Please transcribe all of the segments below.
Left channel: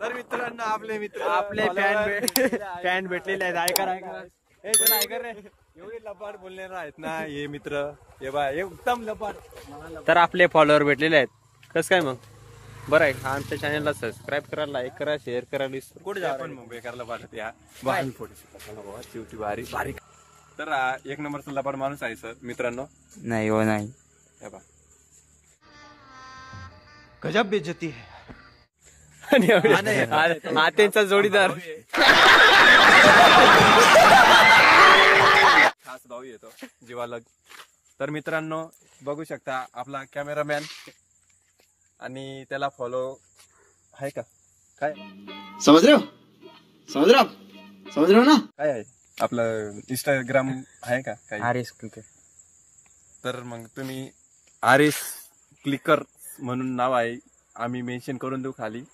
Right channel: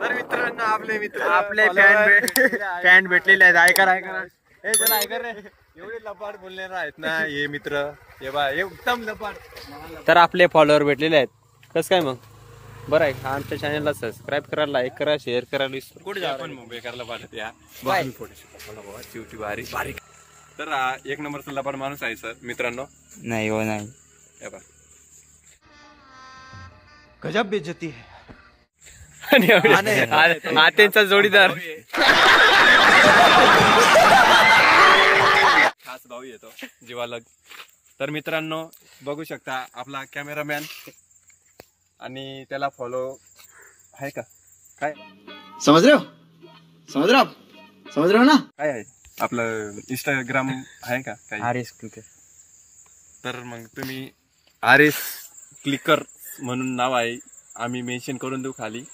तर मित्रांनो आपले फॅन भेटलेले आहेत. ऐका हे चला ऐका रे, एवढे लबाड बोलणारे आहेत ना हे मित्र. हे बा हे उत्तम लबाड. तर आपले फॉलोअर भेटलेले आहेत. कसं काय मग बरं आहे. आमच्या चॅनलला सबस्क्राईब करा, लाईक करा, शेअर करा. कुठे आपण मुंबई करायला पाठवत या चिवटी भारी भारी. तर हा एक नंबरचा लबाड माणूस आहे सर मित्रांनो. नाही हो नाही. गजब बेइज्जती है. हा त्यांचा जोडीदार खास भाऊ येतो जीवाला. तर मित्रांनो बघू शकता आपला कॅमेरामॅन आणि त्याला फॉलो आहे का काय समझ रहे हो ना. काय आहे आपलं इंस्टाग्राम आहे का काय. RS clicker. तर मग तुम्ही आरएस क्लिकर म्हणून नाव आहे, आम्ही मेन्शन करून देऊ खाली.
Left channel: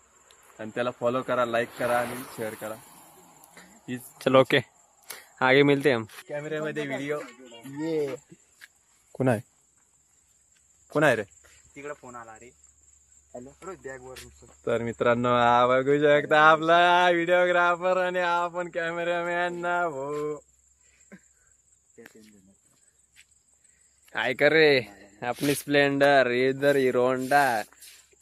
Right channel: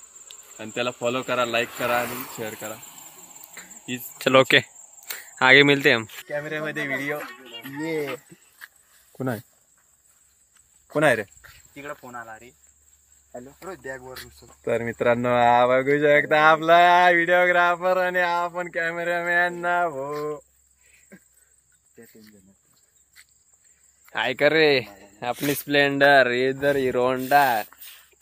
आणि त्याला फॉलो करा, लाईक करा आणि शेअर करा. चलो ओके, आगे मिलते हम. कॅमेऱ्यामध्ये व्हिडिओ ये कोण आहे रे. तिकडे फोन आला रे. हॅलो. तर मित्रांनो हा बघू शकता आपला व्हिडिओग्राफर आणि आपण कॅमेरामॅन ना भाऊ. काय कर रे अपनी स्प्लेंडर इधर Hero Honda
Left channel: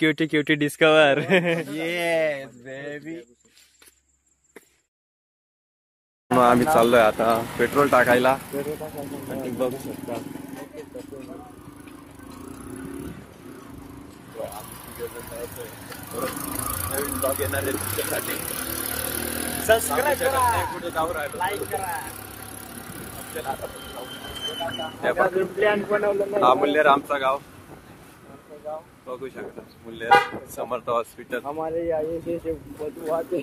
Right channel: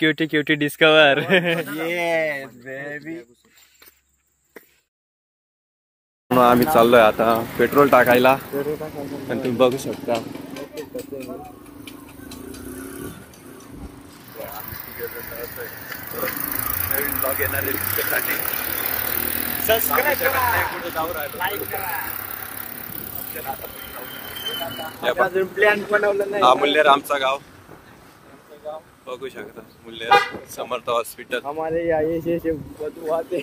cutie cutie Discover. Yes baby. आम्ही चाललोय आता पेट्रोल टाकायला आणि तुम्ही बघू शकता नवीन ब्लॉग येणार आहे तुमच्यासाठी. सबस्क्राइब करा, कुठे जाऊ राहिलो. प्लॅन बनवलं नाही. हा मुल्लेर आमचा गाव बघू शकता. मुल्लेर समर्थ हॉस्पिटल. हमारे यहाँ ये बदबू आते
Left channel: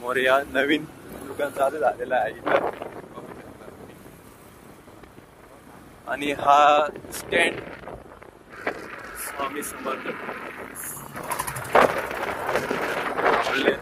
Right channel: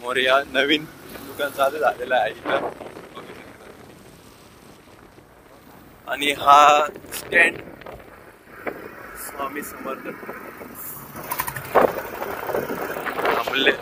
मोरया नवीन दुकान चालू झालेलं आहे इथं. आणि हा स्टँड स्वामी समर्थ मुल्लेर.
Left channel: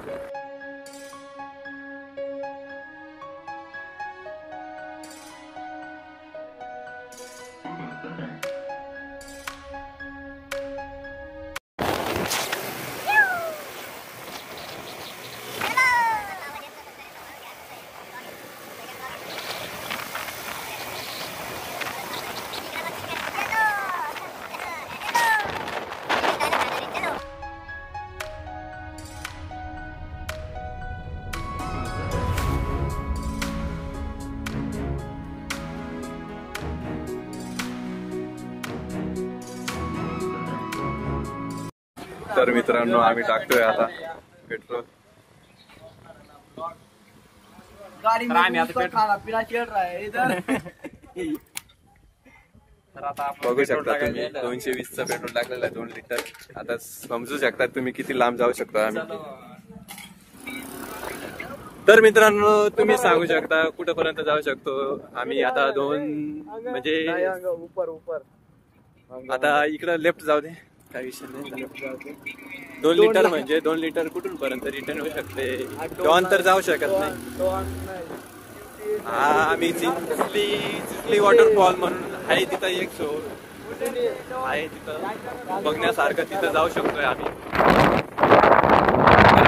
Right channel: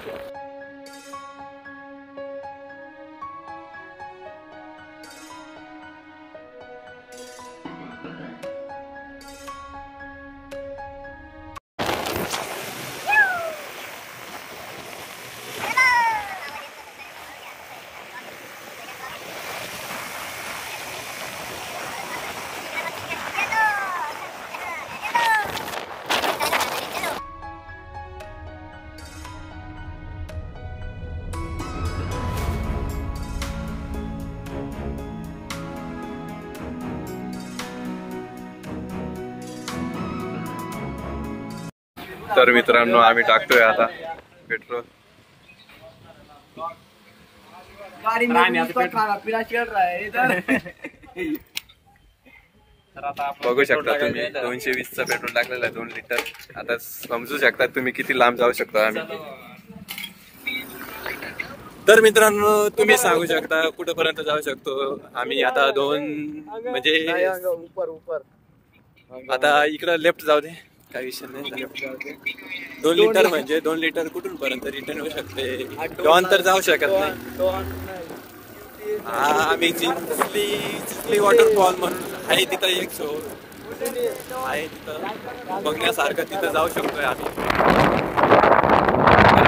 तर मित्रांनो आम्ही टाकतोय आता पेट्रोल. बघू शकता तुम्ही 220चं पेट्रोल टाकलेलं आहे 2 लिटर. आता समजू शकता तुम्ही किती लांब जाऊ शकतो आम्ही. तर मित्रांनो तुम्ही सांगू शकता कुठपर्यंत जाऊ शकतो आम्ही. आता 2 म्हणजे आता इकडं लेफ्ट जाऊ दे काही विषय नाही. 2 लिटर म्हणजे 2 लिटर कुठून पर्यंत रिटर्न होऊ शकते. डॉन तर जाऊ शकत नाही. हा आम्ही चिखली वॉटरफॉल म्हणून आहे तिथं एक शो आहे तिथं बघण्यासारखं. तिथं जाऊ शकतोय आम्ही.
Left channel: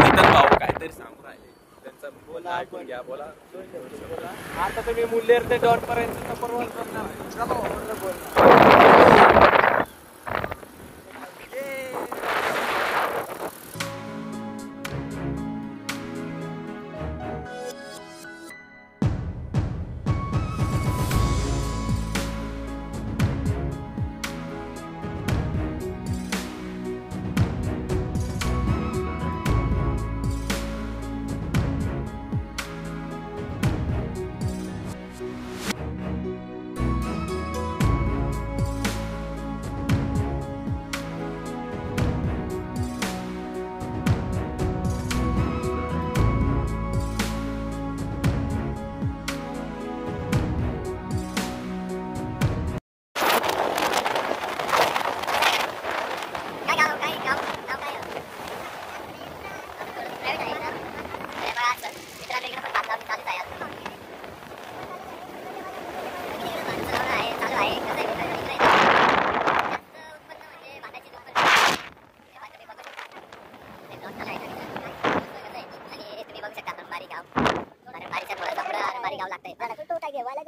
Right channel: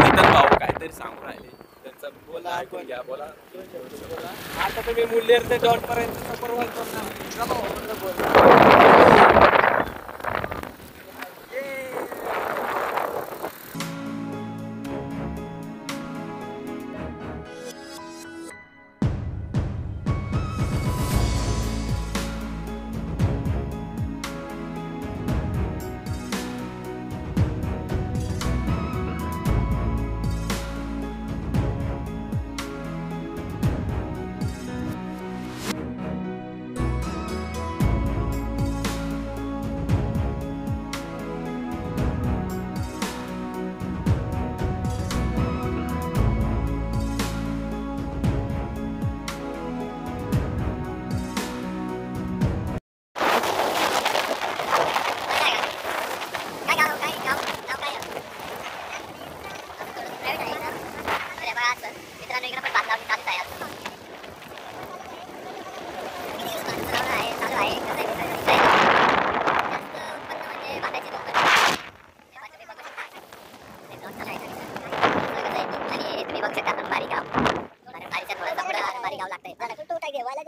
तिथं भाऊ काहीतरी सांगू राहिले त्यांचा बोला ऐकून घ्या. बोला आता तुम्ही मुल्लेर ते डॉन पर्यंत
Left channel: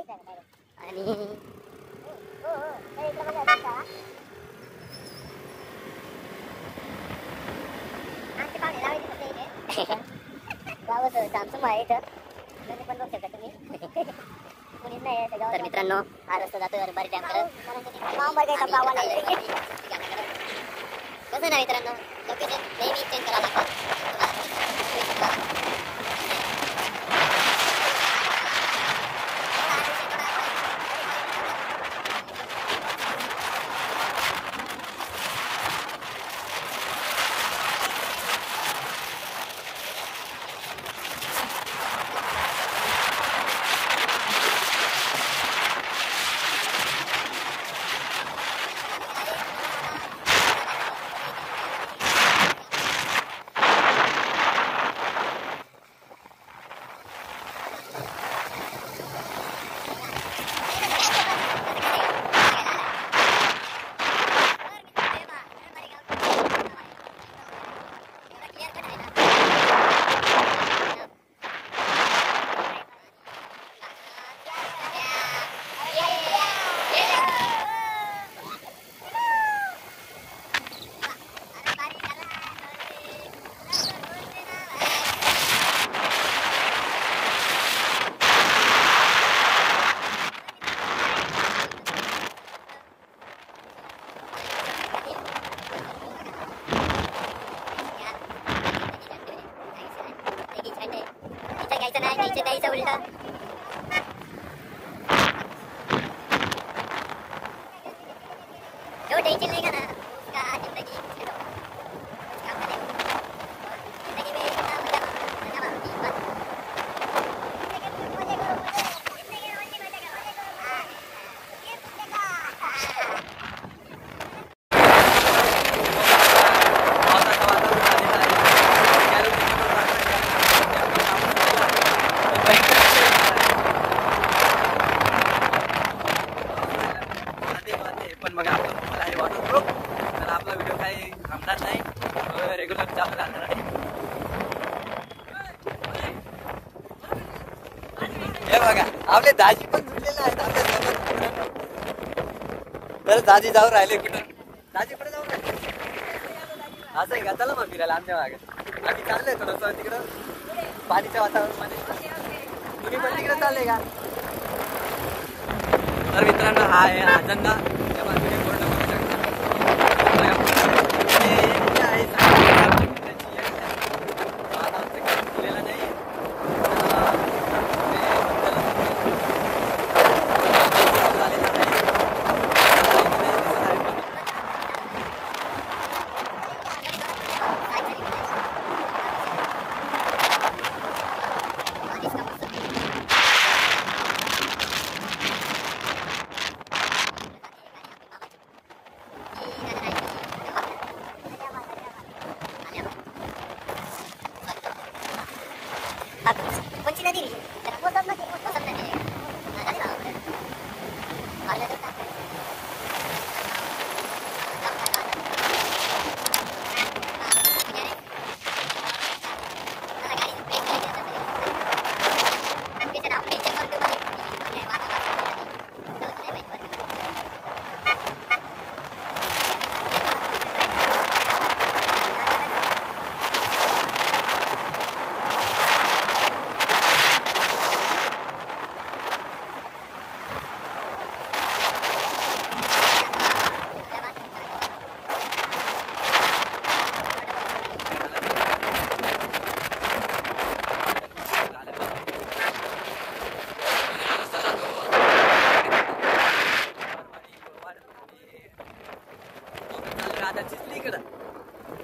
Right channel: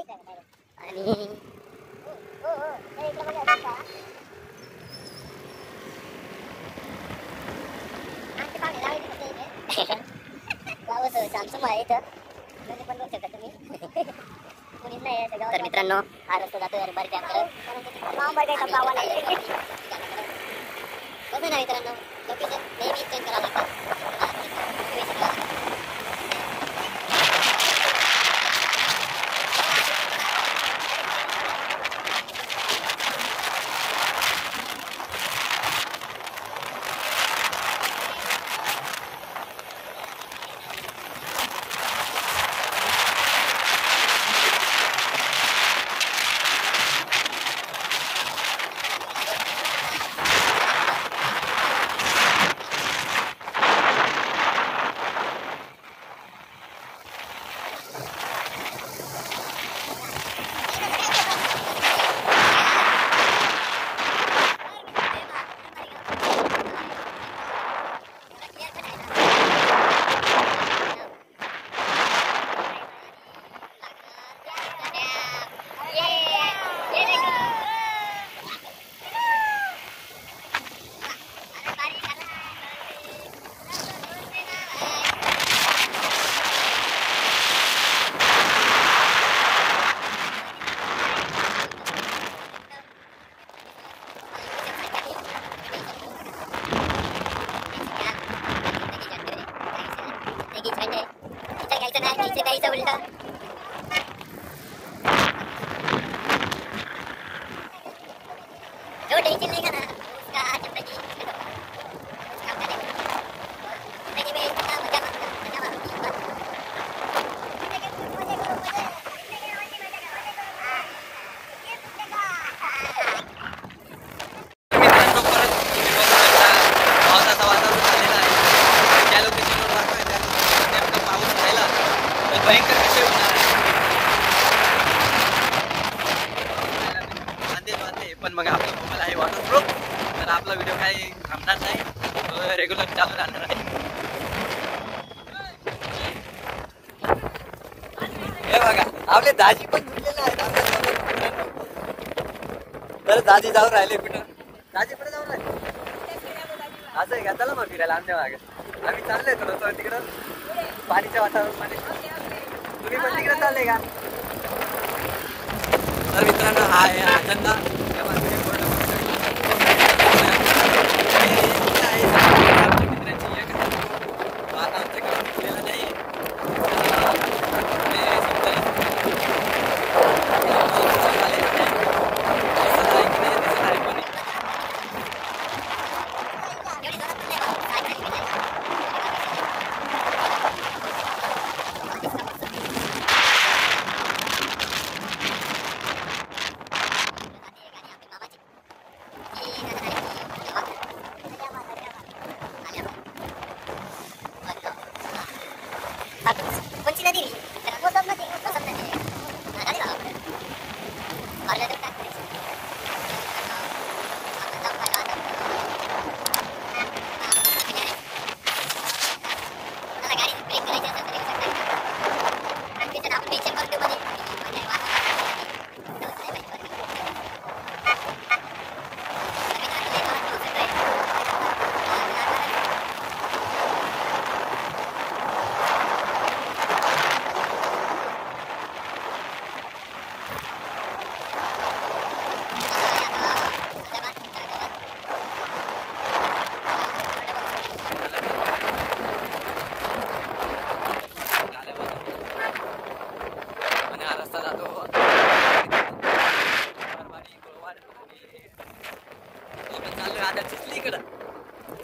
तर मित्रांनो हा रस्ता जातोय अरबारी डॅम करत बघू ना मित्रांनो लोकेशन नेहमी चेंज करायला उलटा जो टेंशन लेगा ना उसका जिंदगी पण मग आपला आहे वॉटरप्रूफ तर आपला व्हिडिओ काही थांबणार नाही रेग्युलर चालू राहणार आहे हे बघा आपले दाजी पण झुकलेले आहेत बरं दाजी जाऊन राहिले कुठे दाजी कुठे जाऊन राहिले असं आहे का चला मग फिरायला आमच्या मागे आम्ही चाललोय थोडंसं तिकडं पाणीच्या वातावरणामध्ये तुम्ही पण तिकडे चालले का तर मित्रांनो हा आहे अजंदा कोणची नदी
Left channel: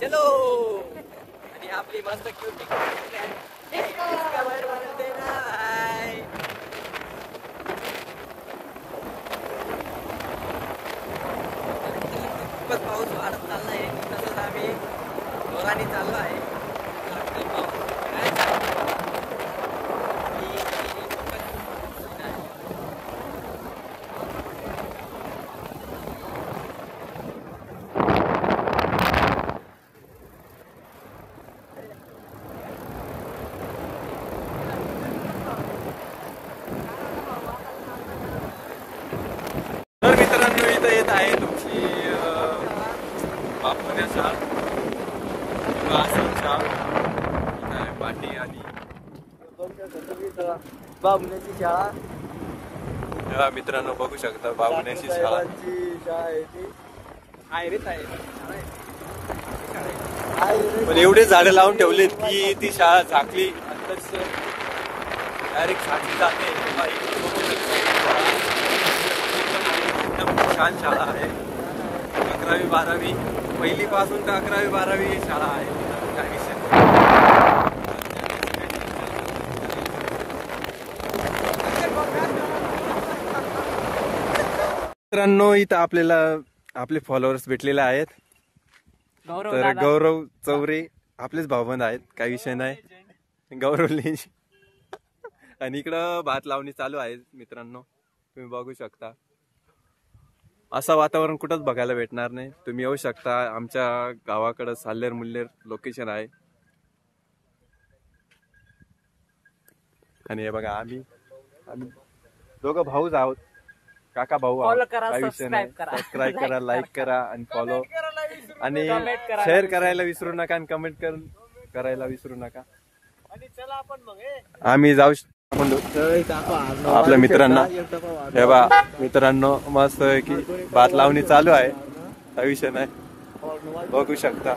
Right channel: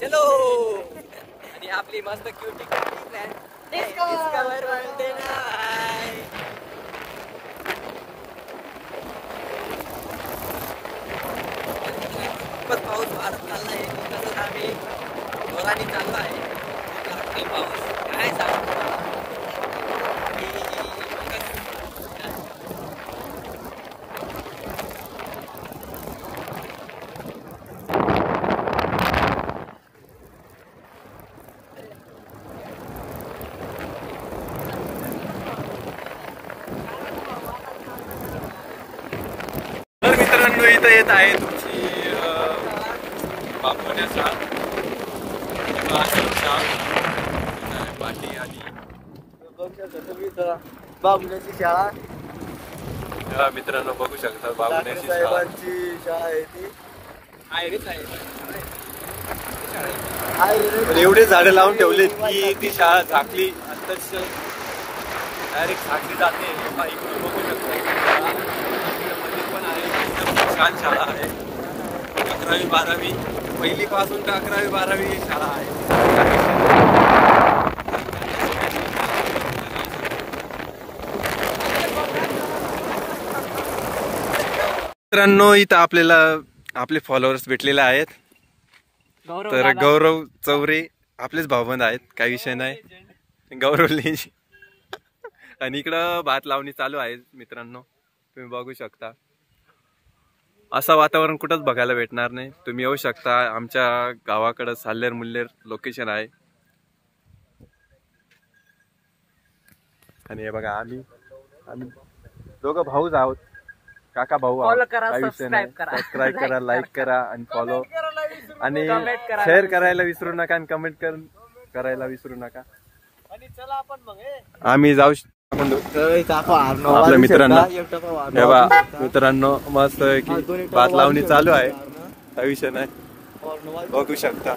चलो आणि आपली मस्त क्यूटी डिस्कवर म्हणते नाही खूपच पाऊस वाढत चाललाय तसंच आम्ही जोराने चाललो आहे काय सांगतो इथं येत आहे तुमची बापवण्याचा पाठी आणि मित्रांनो बघू शकता बाबुण्याची शाळा पण एवढे झाडं लावून ठेवलेत की ती शाळा झाकली अंतच डायरेक्ट झाकली जाते. एकदम छान शाळा आहे. 11वी 12वी पहिली पासून तर 11वी 12वी शाळा आहे. मित्रांनो इथं आपल्याला आपले फॉलोअर्स भेटलेले आहेत. तर गौरव चौरे आपलेच भाऊबंद आहेत, काही विषय नाही. गौरव लेंज आणि इकडं भात लावणी चालू आहे मित्रांनो, तुम्ही बघू शकता. असं वातावरण कुठंच बघायला भेटणार नाही. तुम्ही येऊ शकता. आमच्या गावाकडं साल्लेर मुल्लेर लोकेशन आहे. आणि हे बघा आम्ही दोघं भाऊच आहोत, काका भाऊ आहोत. काही विषय नाही. सबस्क्राईब करा, लाईक करा आणि फॉलो आणि शेअर करायला विसरू नका आणि कमेंट करायला विसरू नका. आम्ही जाऊ आपल्या मित्रांना. हे बा मित्रांनो मस्त की भात लावणी चालू आहे, काही विषय नाही. बघू शकता.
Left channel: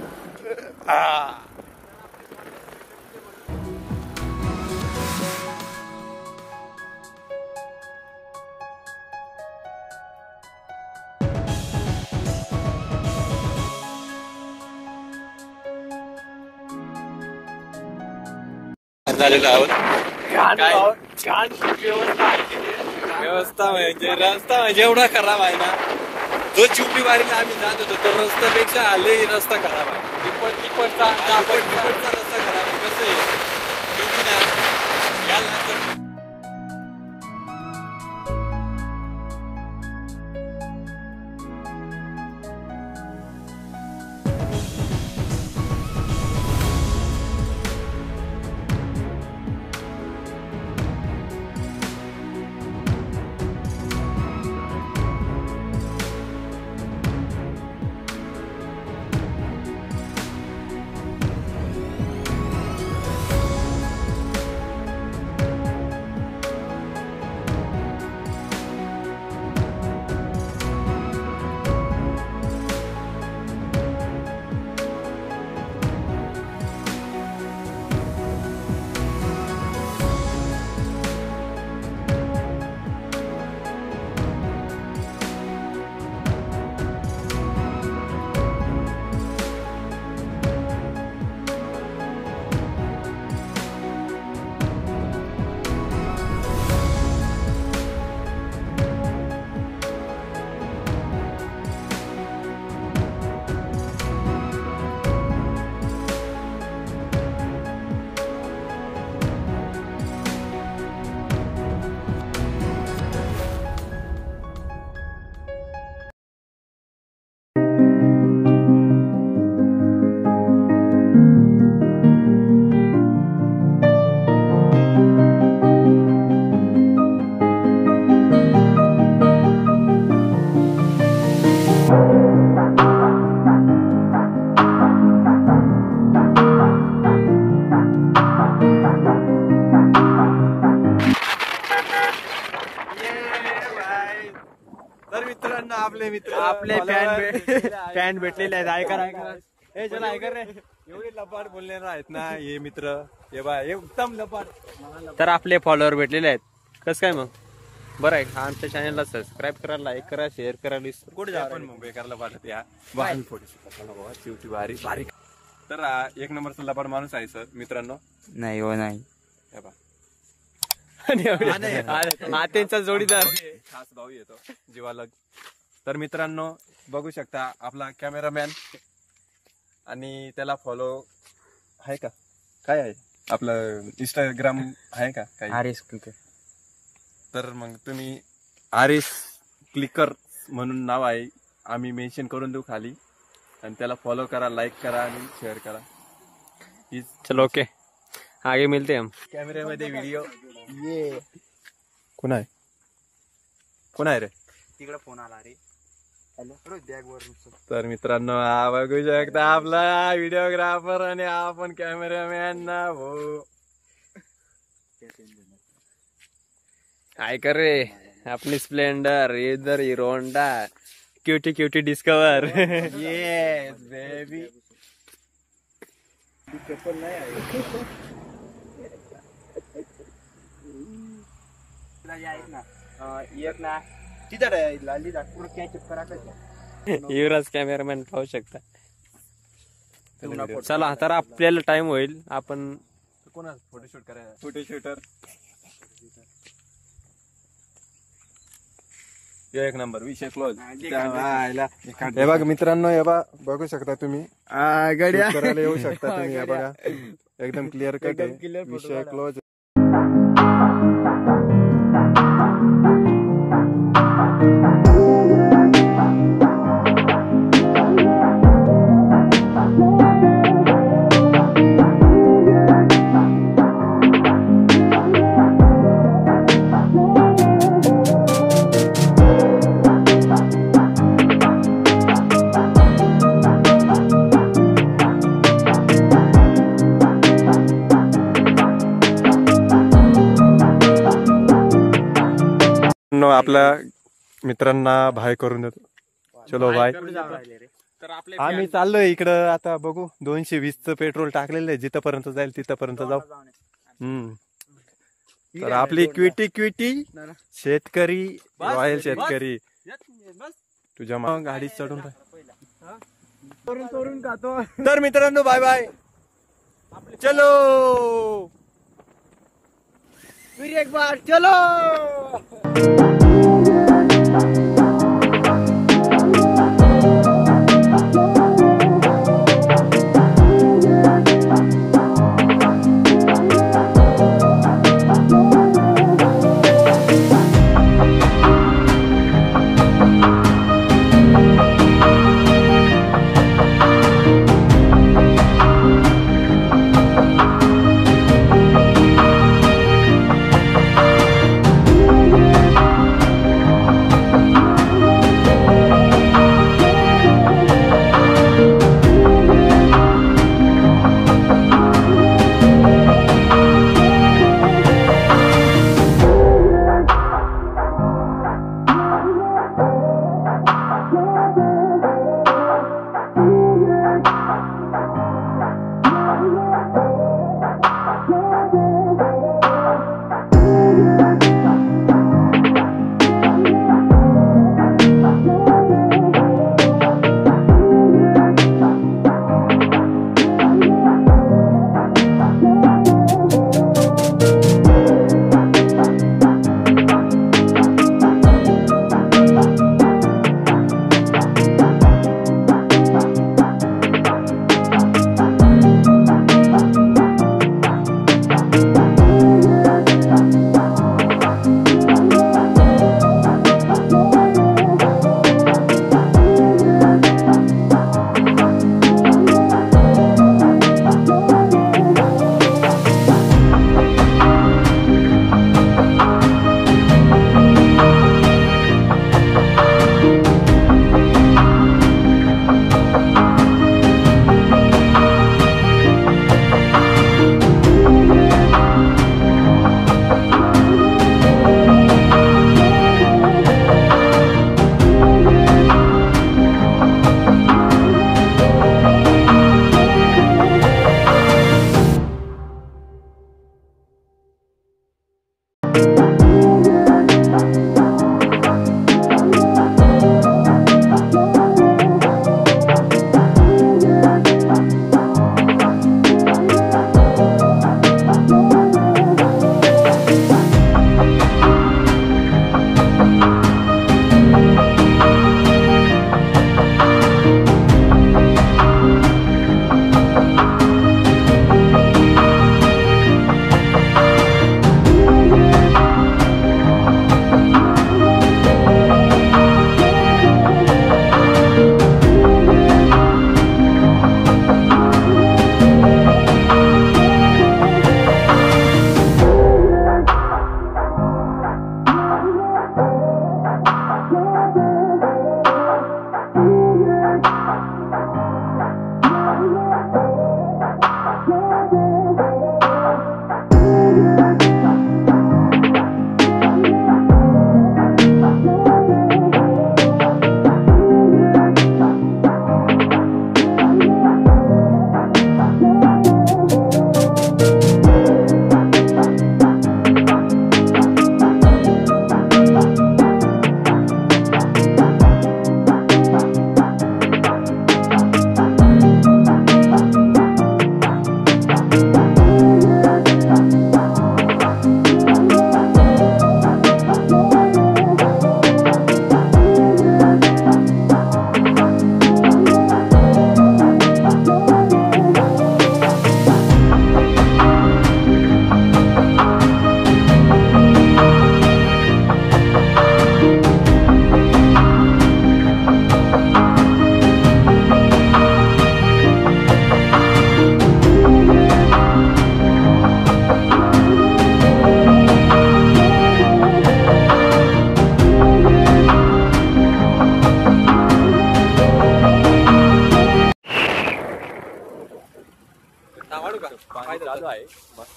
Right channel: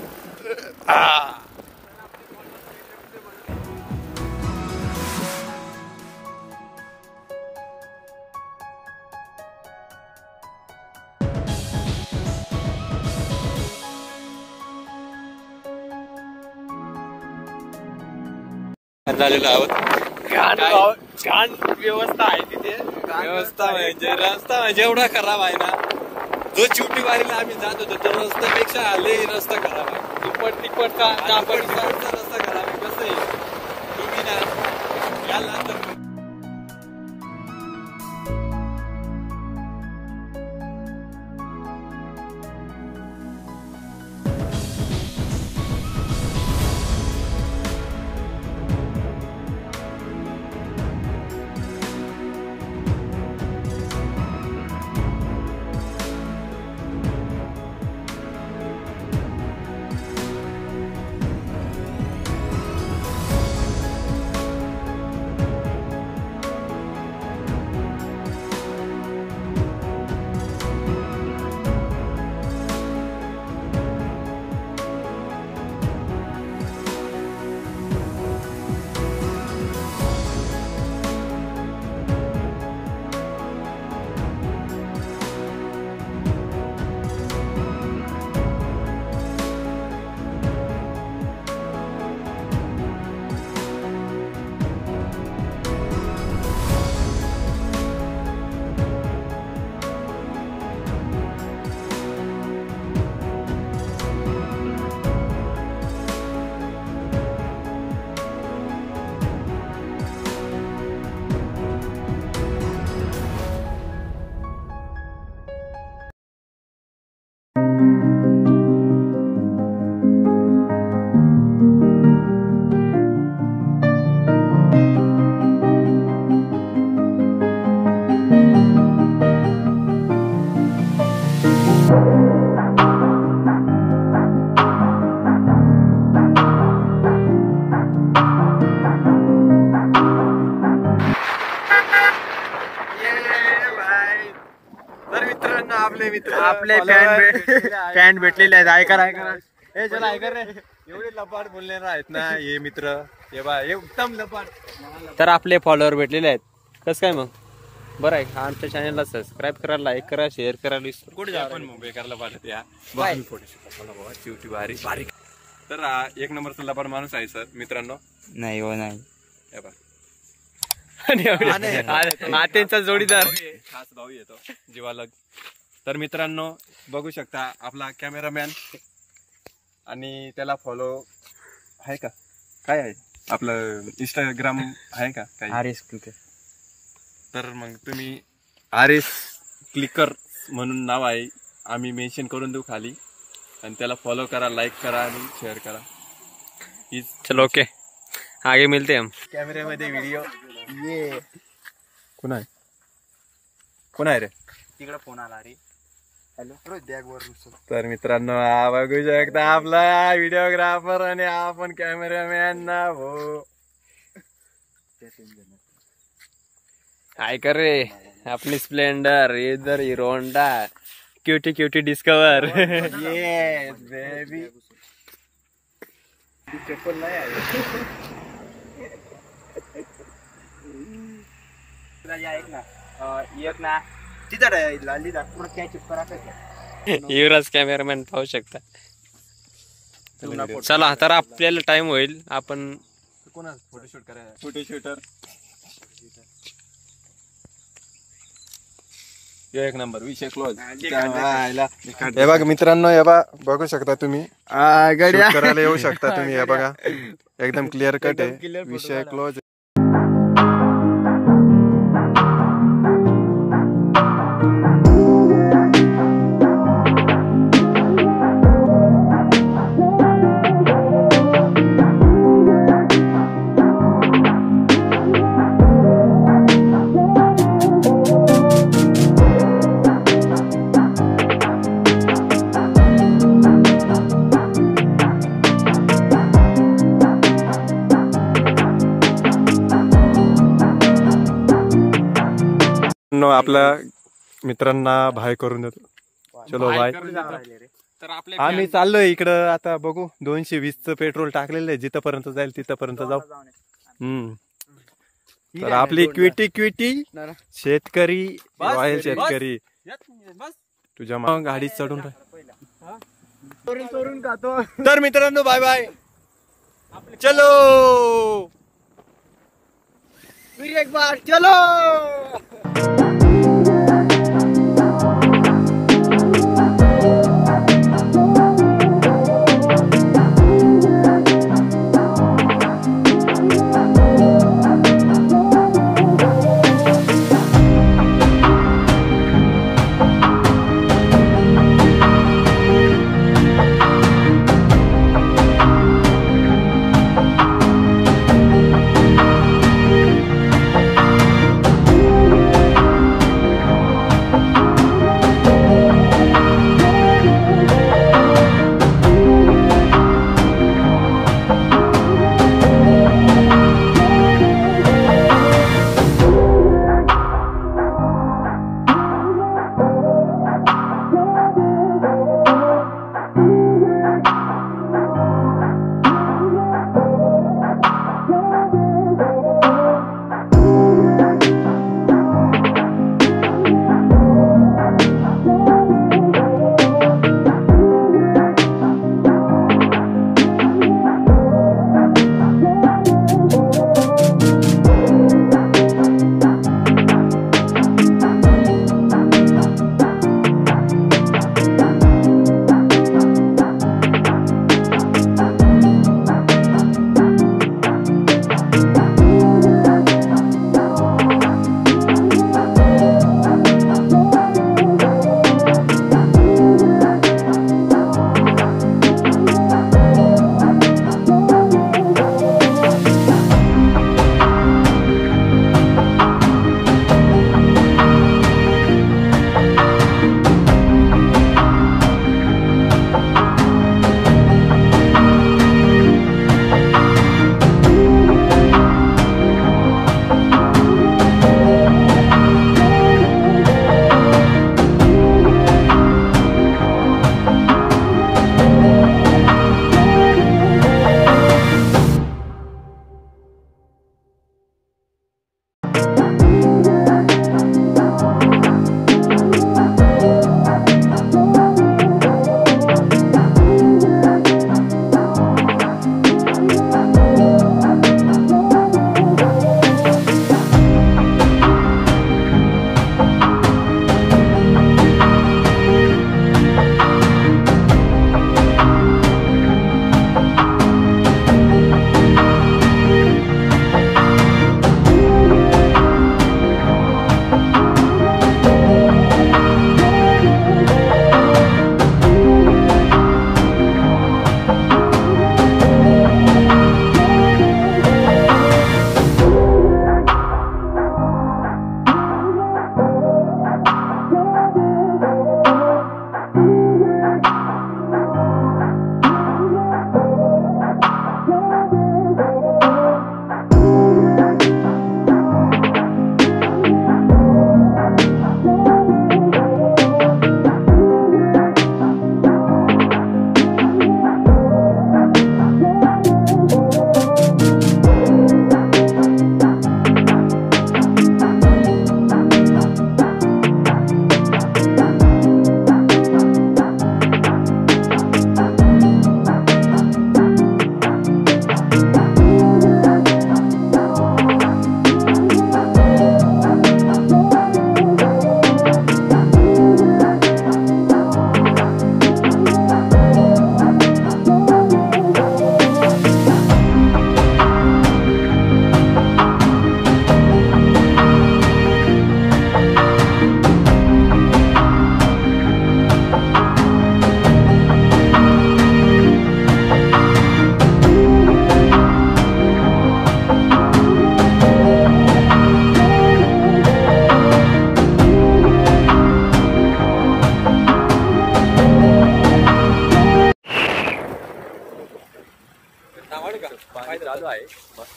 व्यवस्था म्हणजे एवढा खराब आहे ना. जो चिवटी वारीला आम्ही जात होतो त्या रस्त्यापेक्षा आले रस्ता खराब आहे. तिप्पटचा रस्ता खराब आहे. कसं आहे आपले मित्र आपले फॅन भेटलेले आहेत. ऐका हे चला ऐका रे. एवढे लपाट बोलणारे आहेत ना हे मित्र. हे बा एकदम लपाट. तर आपले फॉलोअर भेटलेले आहेत. कसं काय मग बरं आहे. आमच्या चॅनलला सबस्क्राईब करा, लाईक करा, शेअर करा. कुठे जा पण मग बेकारला पाठत या शेवटी बारीक बारीक. तर एक नंबरचा लपाट माणूस आहे सर मित्रांनो. नाही हो नाही. त्यांचा जोडीदार खास भाऊ येतो जीवाला. तर मित्रांनो बघू शकता आपला कॅमेरामॅन आणि त्याला फॉलो आहे का, काय आहे आपलं इंस्टाग्राम आहे का काय? RS clicker. तर मग तुम्ही आरएस क्लिकर म्हणून नाव आहे, आम्ही मेन्शन करून देऊ खाली. आणि त्याला फॉलो करा, लाईक करा आणि शेअर करा. चलो ओके आगे मिलते हम. कॅमेऱ्यामध्ये व्हिडिओ ये कोण आहे रे? तिकडे फोन आला रे. तर मित्रांनो हा बघू शकता आपला व्हिडिओग्राफर आणि आपण कॅमेरामॅन ना भाऊ काय कर रे अपनी स्प्लेंडर इधर Hero Honda cutie cutie Discover yes baby चप्पल नाही एक ना तिथं लाली पूर्ण कॅच युवराज कॅमेरामॅन पाहू शकता. चला तर आपल्याला टाइम होईल आपण कोणा फोटोशूट करायला फोटोशूटर एक नंबर विषय क्लोज. हे बघा मित्रांनो हे बघू शकता तुम्ही shoot करायला येऊ शकता तुम्ही हे बघा एकदम क्लिअर कट आहे विषय क्लोज. आपल्या मित्रांना भाय करून देतो. चलो भाय. आम्ही चाललोय इकडं आता बघू 220चं पेट्रोल टाकलेलं आहे जिथपर्यंत जाईल तिथपर्यंत जाऊ. तर आपली क्विटी शेतकरी रॉयल शेतकरी तुझ्या गाडीत चढून तर मित्रांनो बाय बाय. चलो फिर एक बार चलो.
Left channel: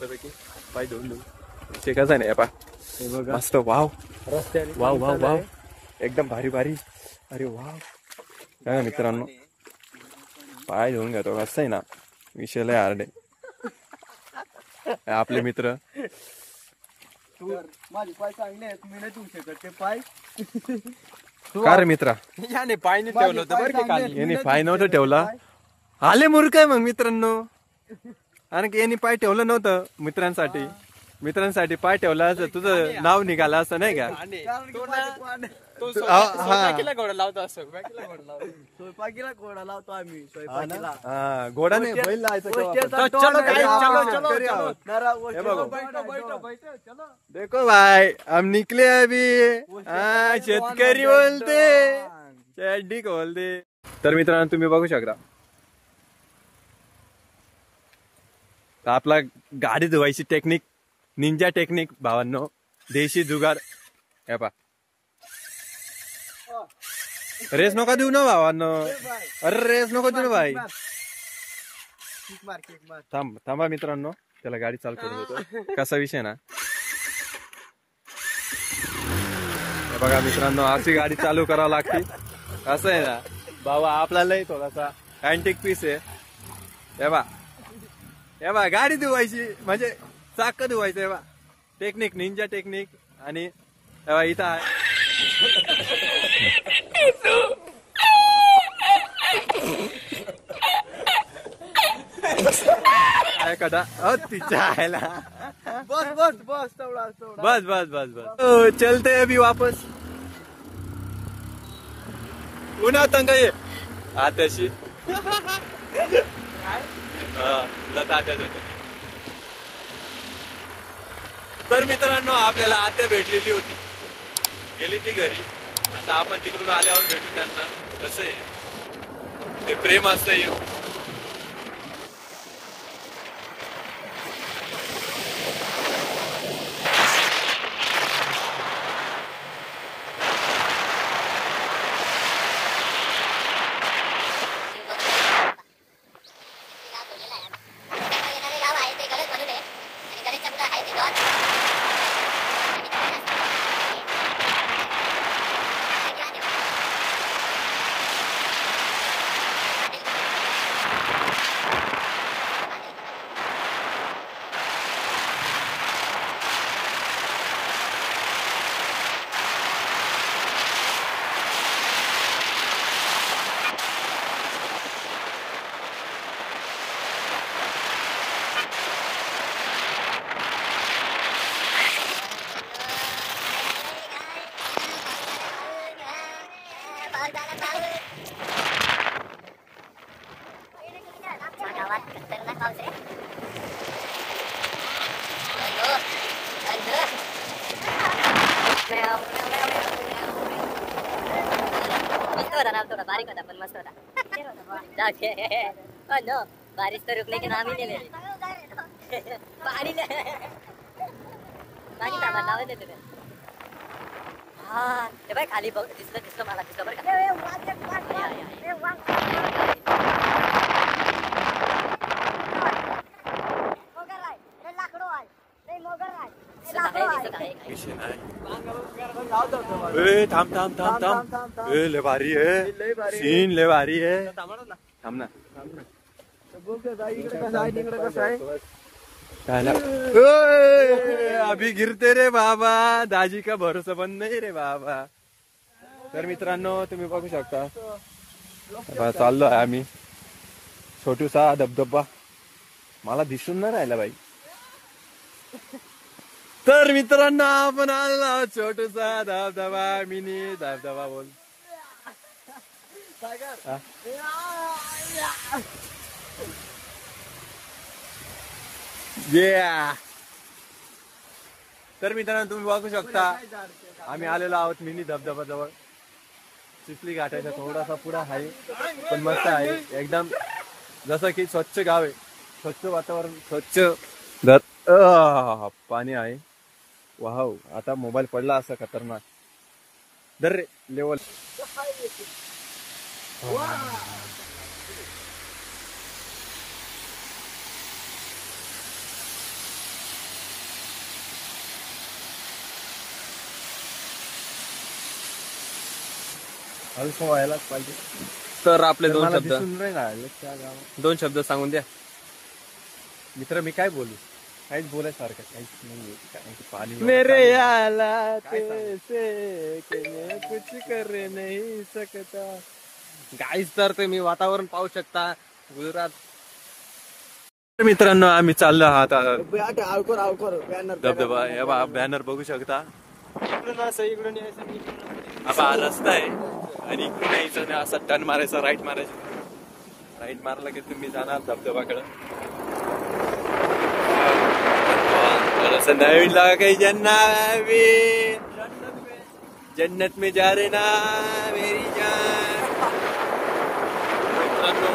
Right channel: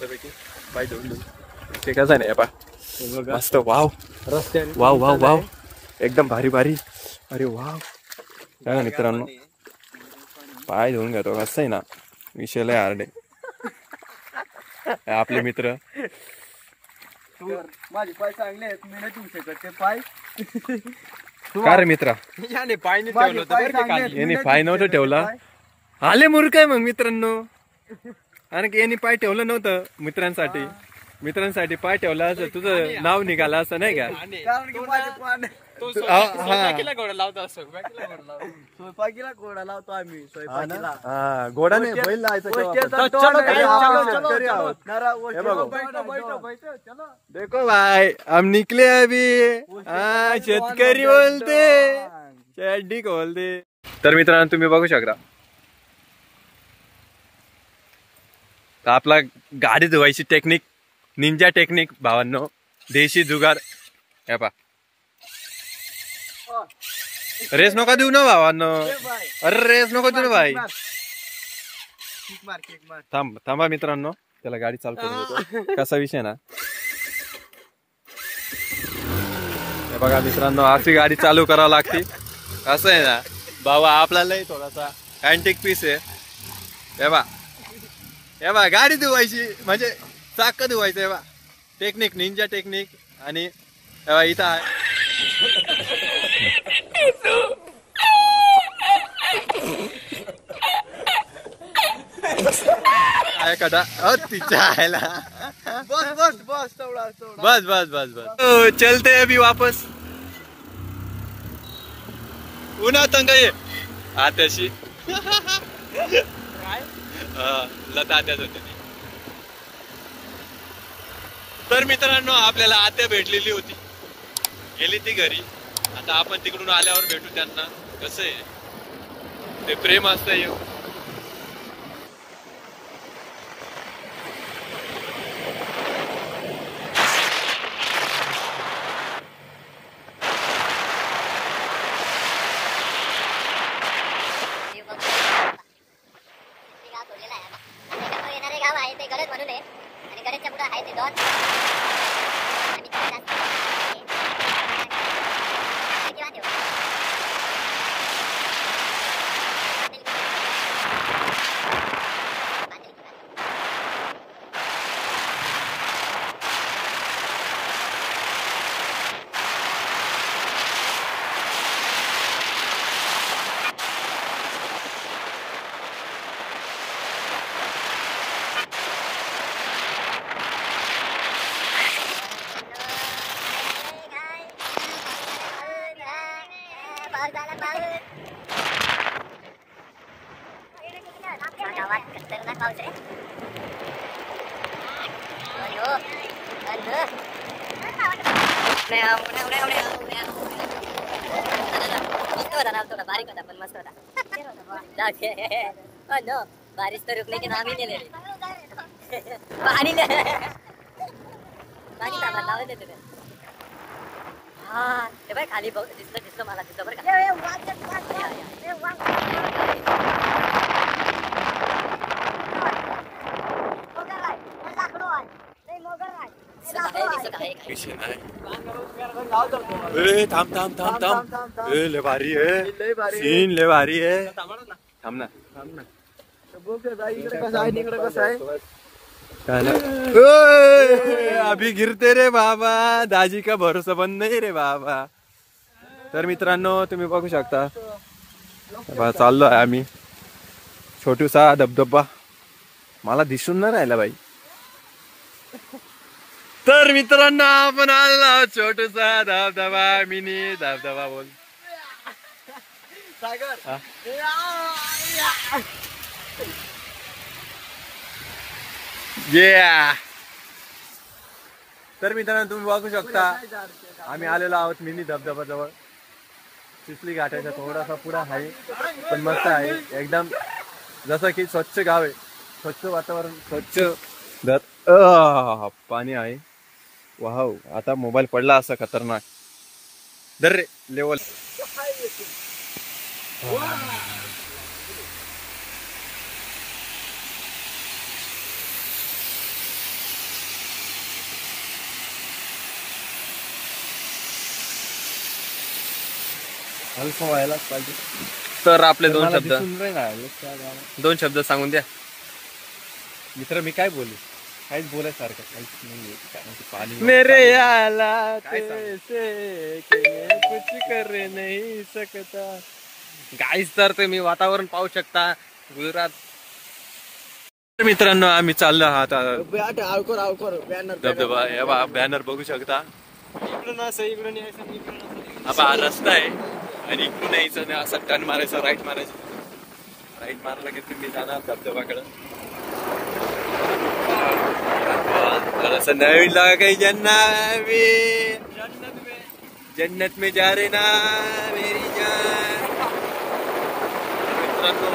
मस्तपैकी पाय धुवून ते कसं नाही पा मस्त वाव रस्त्याने वाव वाव वाव एकदम भारी भारी. अरे वाव काय मित्रांनो पाय धुवून घेतो कसं आहे ना विषय लय हार्ड आहे. आपले मित्र माझे पाय चांगले आहेत मी नाही ठेवू शकत ते पाय. का रे मित्रा याने पाय नाही याने पाय नव्हतं ठेवला. आले मूर्ख आहे मग मित्रांनो. आणि यांनी पाय ठेवलं नव्हतं मित्रांसाठी पाय ठेवला असं तुझं नाव निघालं असं नाही का. स्वयंपाकीला घोडा लावतो आम्ही घोडा नाही बैल लावायचा शेतकरी आहोत. देखो भाई हम निकले अभी. शेतकरी बोलते चड्डी बोलते. तर मित्रांनो तुम्ही बघू शकता तर आपला गाडी धुवायची टेक्निक निंजा टेक्निक भावांनो देशी जुगाड. हे पा रेस नका देऊ ना भावांनो. अरे रेस नको देऊ ना भाई. थांबा मित्रांनो त्याला गाडी चालू करून देतो. कसा विषय ना हे बघा मित्रांनो अशी गाडी चालू करावं लागते. असं आहे ना बाबा आपल्यालाही थोडासा अँटिक पीस आहे. हे बा गाडी धुवायची म्हणजे चाक धुवायचं. हे बा टेक्निक निंजा टेक्निक. आणि इथं आहे कदा तिच्या आयला. बस चलते अभी वापस. उन्हा तंग ये आताशी लता आत्याच होती. तर मित्रांनो आपल्याला आत्या भेटलेली होती गेली ती घरी. आता आपण तिकडून आल्यावर भेटू त्यांना. कसं आहे ते प्रेम असतं. थोड़ा बारीक होता पण मस्त होता. नो बारिश तो रुकने के नाम ही नहीं ले रही. पानी ताबा लावे देते ते. ते बाय खाली बघ दिसलं मला दिसलं बरं का. थांब ले भारी है सीन ले भारी है. थांब ना अभी गिरते रे बाबा. दाजी का भरोसा पण नाही रे बाबा. तर मित्रांनो तुम्ही बघू शकता चाललो आहे आम्ही. छोटूसा धबधबा मला दिसून नाही राहिला बाई. तर मित्रांनो आपण आलो छोटूसा धबधबा मिनी धबधबा बोल. तर मित्रांनो तुम्ही बघू शकता आम्ही आलेलो आहोत मिनी धबधबा जवळ. चिखली घाटाच्या थोडासा पुढा आहे पण मस्त आहे एकदम. जसं की स्वच्छ गाव आहे स्वच्छ वातावरण स्वच्छ पाणी आहे. वाव आता मोबाईल पडला असं खतरनाक दर रे लेवल. अल्फा व्हायलाच पाहिजे. तर आपले दोन मला शब्द दिसून नाही राहिलं त्या गावात. 2 शब्द सांगून द्या. मित्र मी काय बोलू, काहीच बोलायसारखं काहीच नाहीये. कारण की पाणी मेरे आला काय सांगू? कुछ कर नाही सकता. गाईस तर तुम्ही वातावरण पाहू शकता गुजरात. मित्रांनो आम्ही चाललो आहात धबधबा. हे बा बॅनर बघू शकता. हा रस्ता आहे आणि इकडून यायचं असं टर्न मारायचं, राईट मारायचं. राईट मारला की तुम्ही जाणार धबधबाकडे. असं नवीन लागा काही जन्नत में जा रे ना मेरी जान. मित्रांनो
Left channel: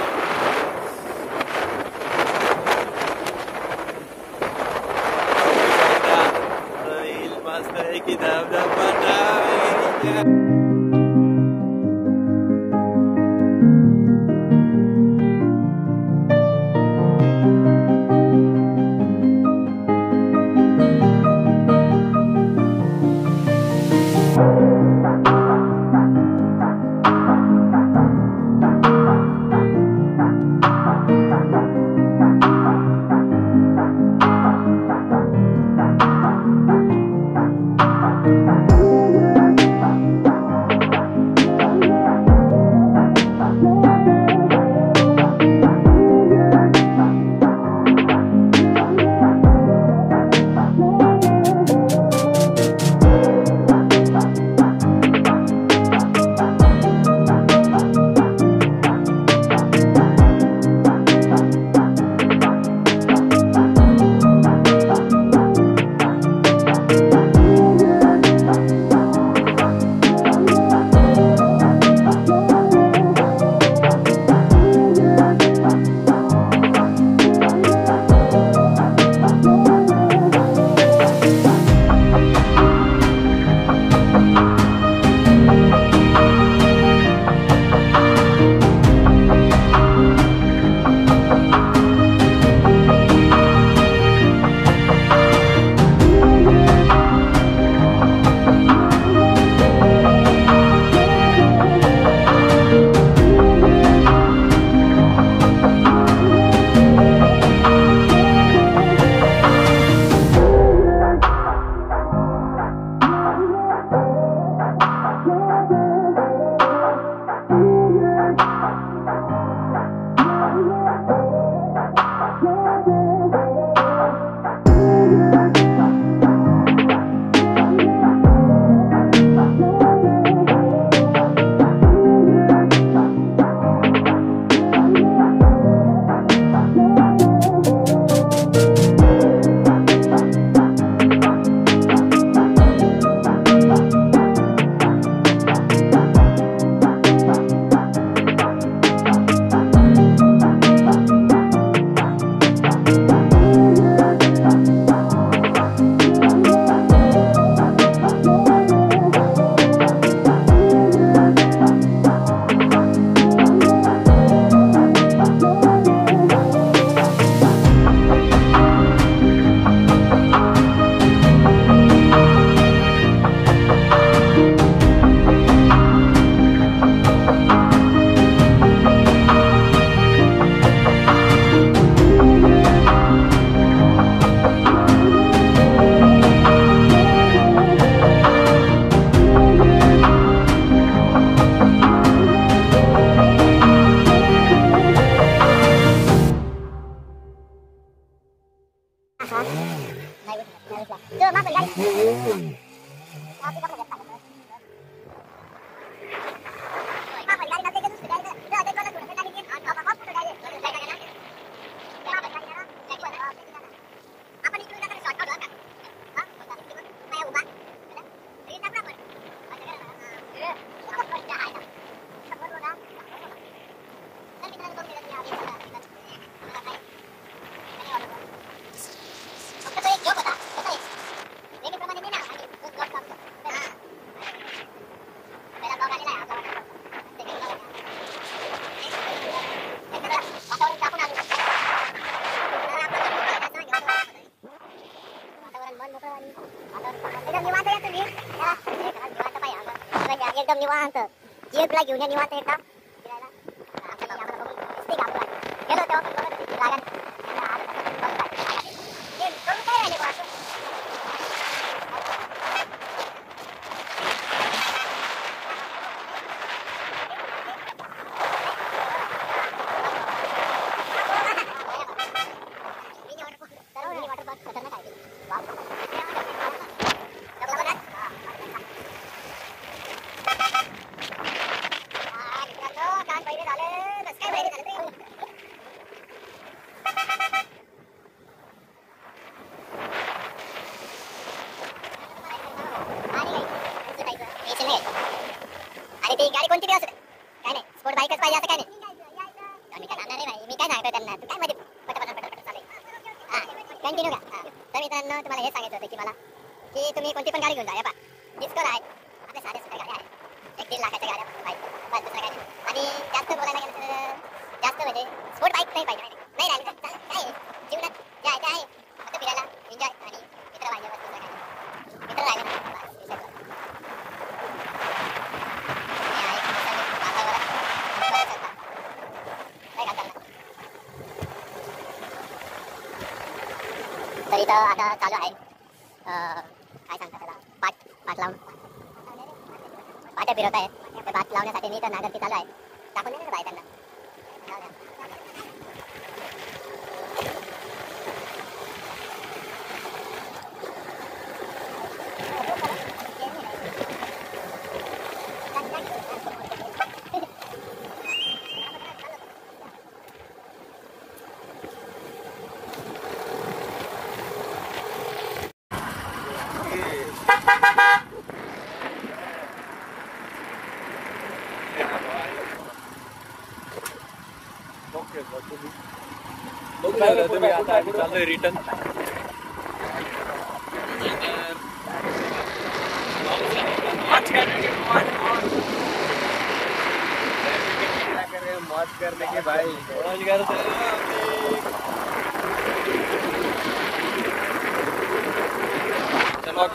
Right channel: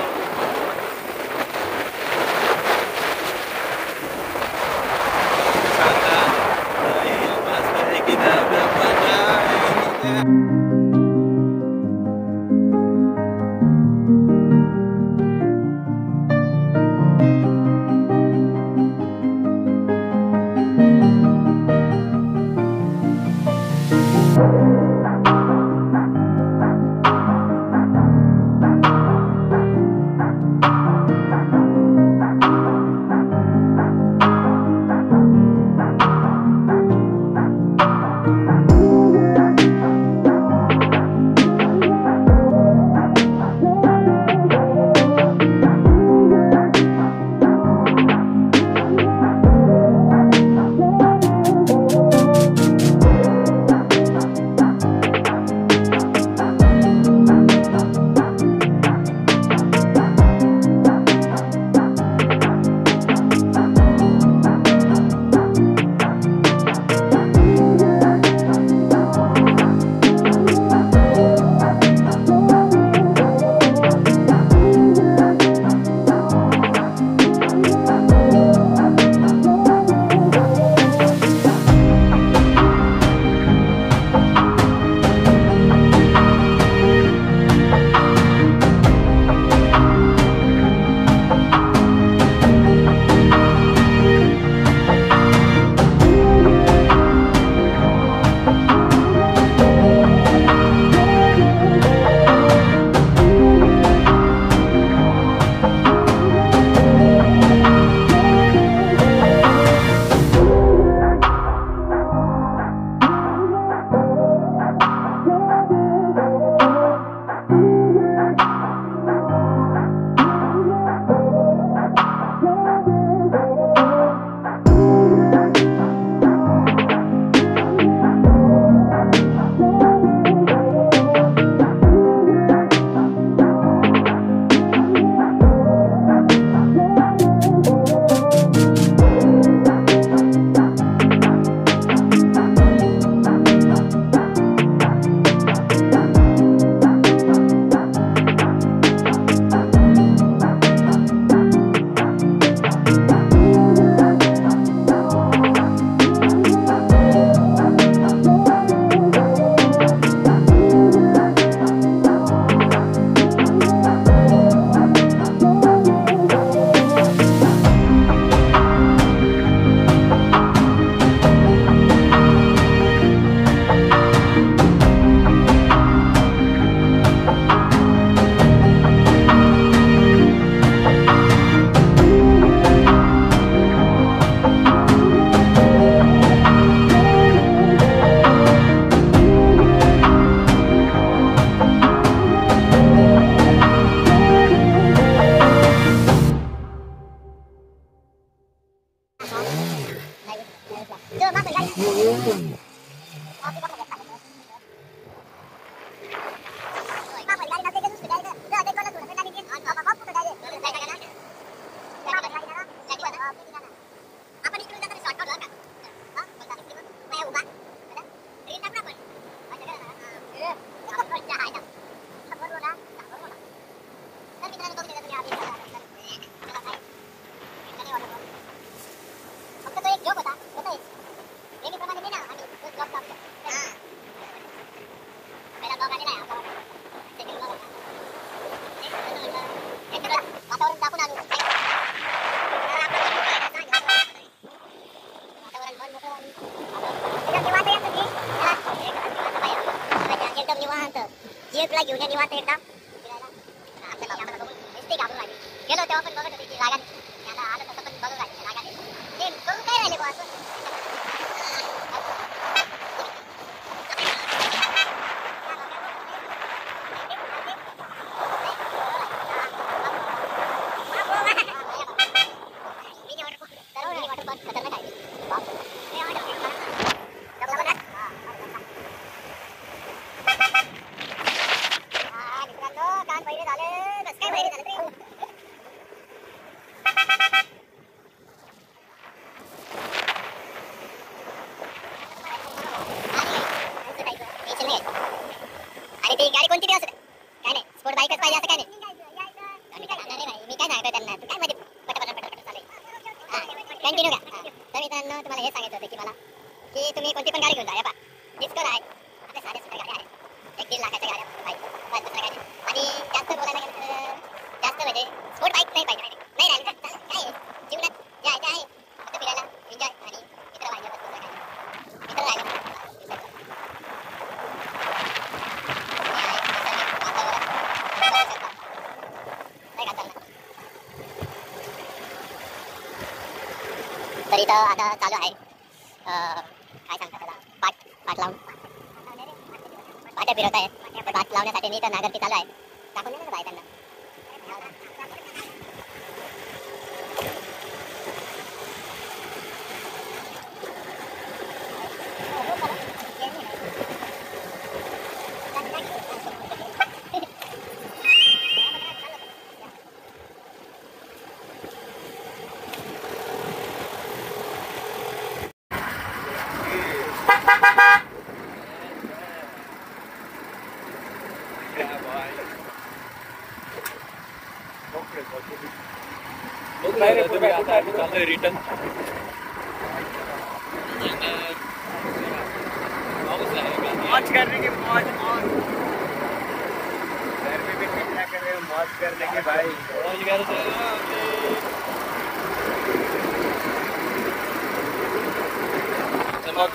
जे तुला घेऊन या निवांत एकदा आमच्या गावाला नुसते गावाला गेलो तेव्हा पण बघत होती लागन यांना आता तसं पण बघत आहे लागन ते करून काय राहिले बा असं मिनी वॉटर पार्क खतरनाक आहे बाप आणि ती गाडी कोणती बी असू दे काय नाही स्पोर्ट बाईकच पाहिजे असं काय नाही मी काय सांगतो त्यांना काय मध्ये पटापट चालेल कंटिन्यू घ्या तर मित्रांनो तुम्हाला हे सांगायचं होतं की मला की तुम्ही कोणती पण गाडी घेऊन जा डिस्कवर आहे आपल्या साध्या सुद्धा गाड्या आहेत 1-1.5 लाखाच्या गाड्या बाईक दुसऱ्या गाड्या आणि जास्त बोलायला गेलं जास्त म्हणजे स्पोर्ट बाईक नाही पाहिजे नाही राहिली तर काय जीवनात जे आहे ते आहे फक्त फिरायला एन्जॉय आणि मित्र पाहिजे मित्र राहिले तर इथं आता चालू आहे काय सांगतात त्याला पाट लावून पाट्या फिरवत आहे पाट लावण्यासाठी मी इथं नागरती चालू आहे टाकून देणार बाय त्यांना रिटर्न मौज करने के भाई चलो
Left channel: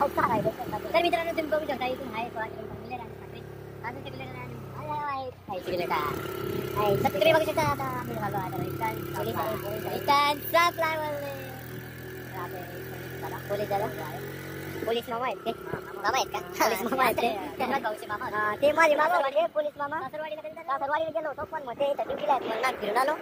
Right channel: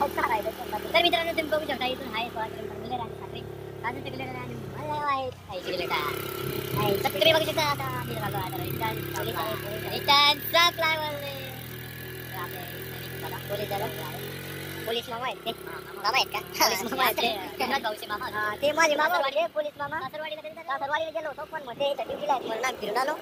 तर मित्रांनो तुम्ही बघू शकता इथून आहे 16 किलोमीटर साखरी अजून तिकडे आहे तिकडे काय तर तिकडे बघू शकता आता आम्ही झालो आता रिटर्नचा फ्लायओव्हर पोलीस झालं पोलीस मामा आहेत ते मामा आहेत का पोलीस मामा आहेत ते भाऊचे मामा ते माझे मामा म्हणजे पोलीस मामा सासरवाडीला गेलो होतो पण मध्ये ड्युटीला आहेत फिरून आलो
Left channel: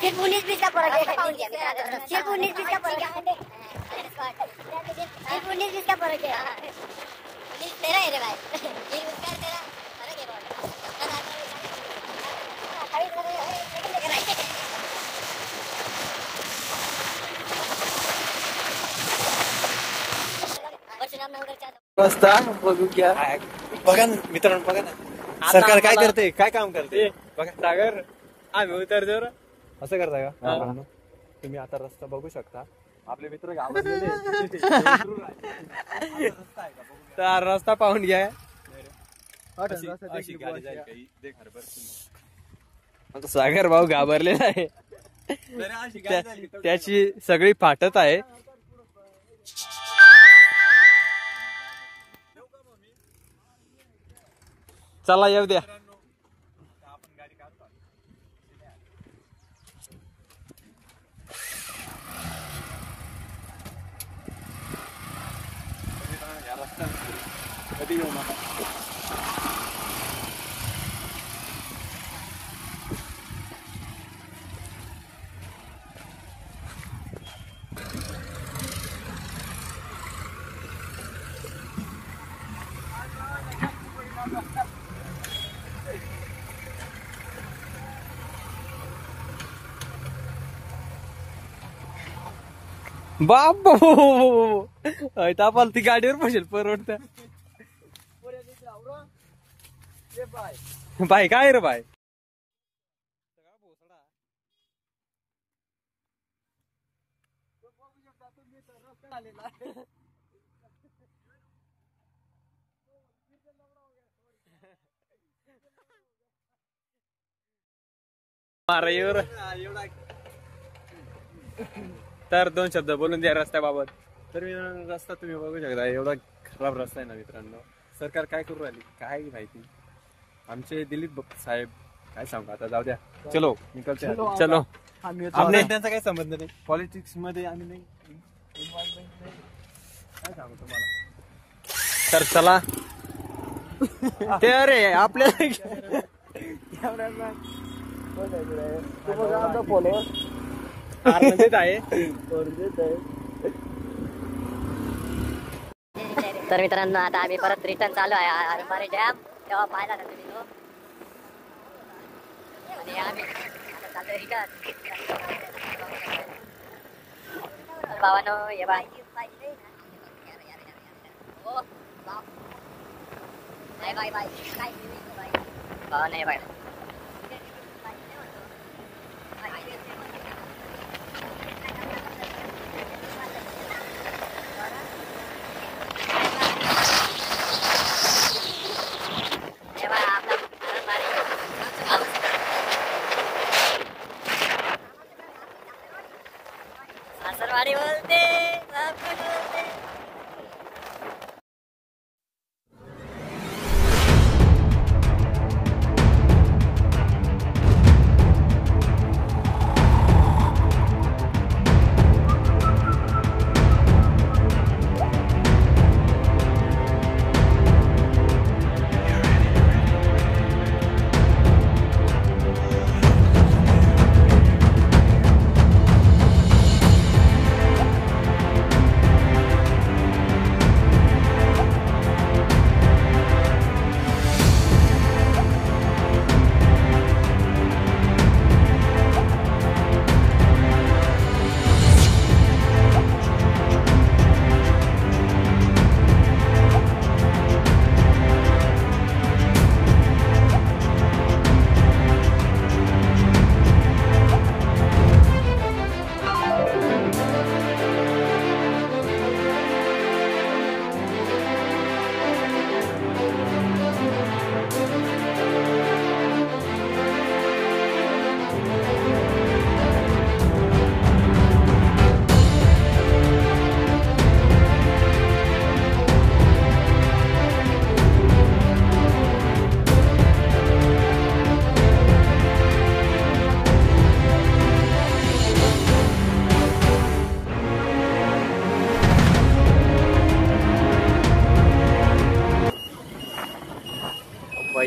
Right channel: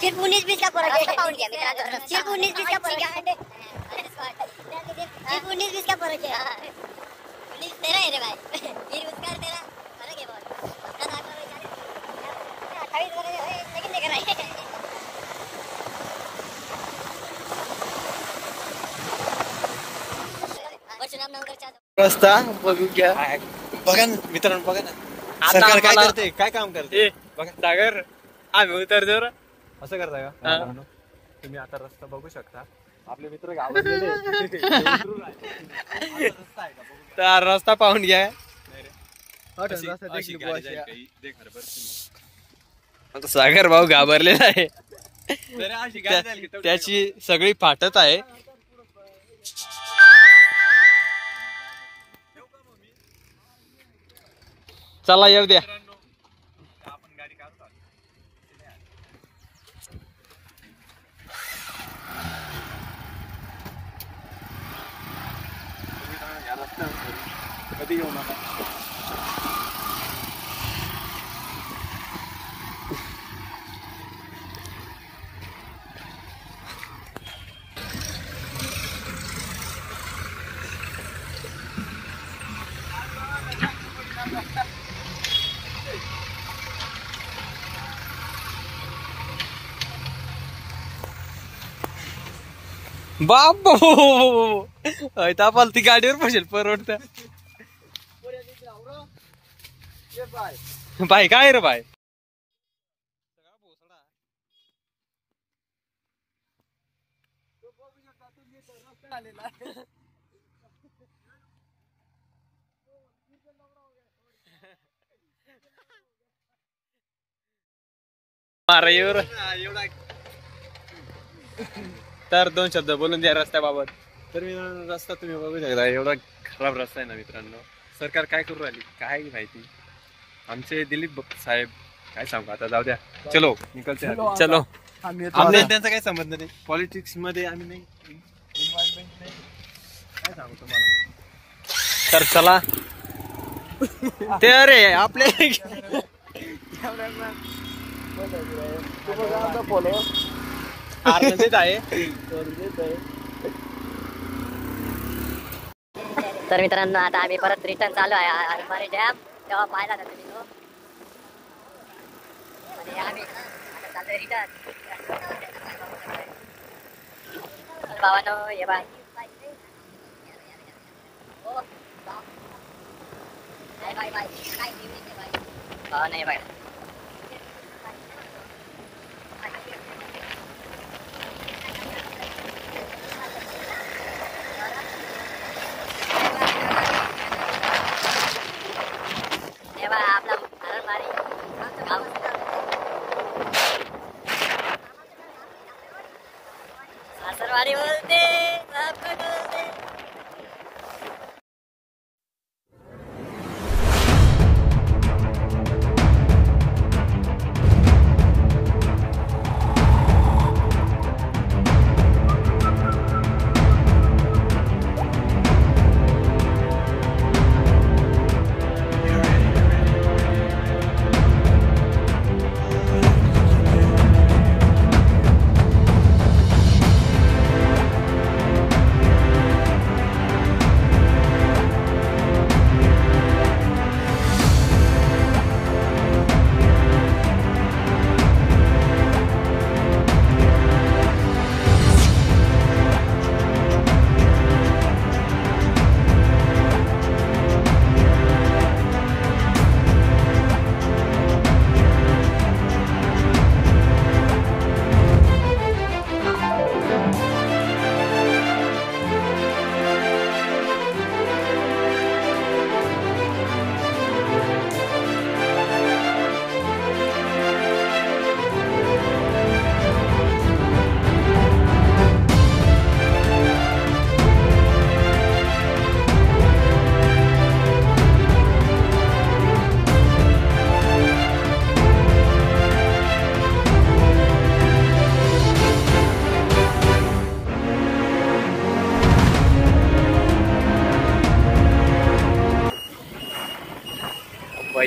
सिर्फ 19-20 का फरक है पाउंड गया मित्रांनो सिर्फ 19-20 का फरक है सिर्फ 19-20 का फरक है 19-13 है रे भाई ये उसका 13 फरक है लेकिन देखा नहीं रस्ता बघू घ्या बघा ना मित्रांनो बघा ना सरकार काय करते काय काम करते बघा सागर आम्ही उतरतो रे. असं करता का तुम्ही आता रस्ता बघू शकता आपले मित्र गावात तर रस्ता पाहून घ्या. आता सागर भाऊ घाबरलेला आहे त्याची सगळी फाटत आहे. चला येऊ द्या. कधी येऊ नका बाबो ती गाडीवर बसेल परवडत. बाय काय रे बाय तर 2 शब्द बोलून द्या रस्त्याबाबत. तर मित्रांनो रस्ता तुम्ही बघू शकता एवढा खराब रस्ता आहे ना मित्रांनो. सरकार काय करू राहिली काय माहिती. आमचे दिलीप साहेब काय सांगू आता जाऊ द्या. चलो निकलते चलो. आपल्या त्यांचा काही संबंध नाही पॉलिटिक्स मध्ये आम्ही नाही इन्व्हॉल्वमेंट नाही काय सांगू तुम्हाला. तर चला ते अरे आपल्या तर मित्रांनो आता आम्ही परत रिटर्न चालू आहे अरमारी डॅम तेव्हा पाहिला ना तुम्ही तो आणि आम्ही आता चाललोय रिटर्न. भावानो ये बा बाय बाय भावानो ये बाय सासरवाडी बोलते सब कुछ बोलते.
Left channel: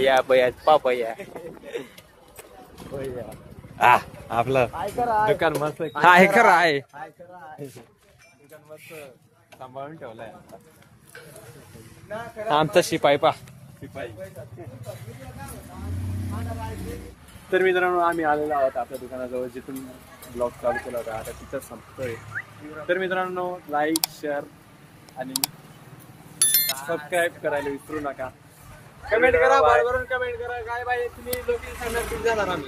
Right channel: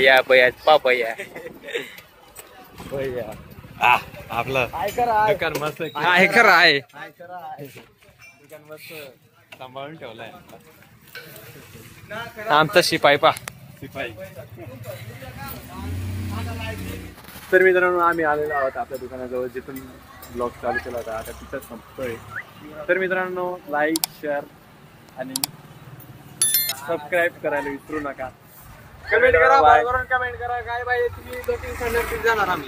भैया भैया पापया भैया आपलं दुकान मस्त आहे खरं आहे दुकान मस्त सांभाळून ठेवलाय आमचा शिपाई पा शिपाई. तर मित्रांनो आम्ही आलेलो आहोत आपल्या दुकानाजवळ जिथून ब्लॉग चालू केला होता आता तिथंच संपतोय. तर मित्रांनो लाईक शेअर आणि सबस्क्राईब करायला विसरू नका. कमेंट करा काय पाहिजे तुम्ही लोकेशन जाणार आम्ही.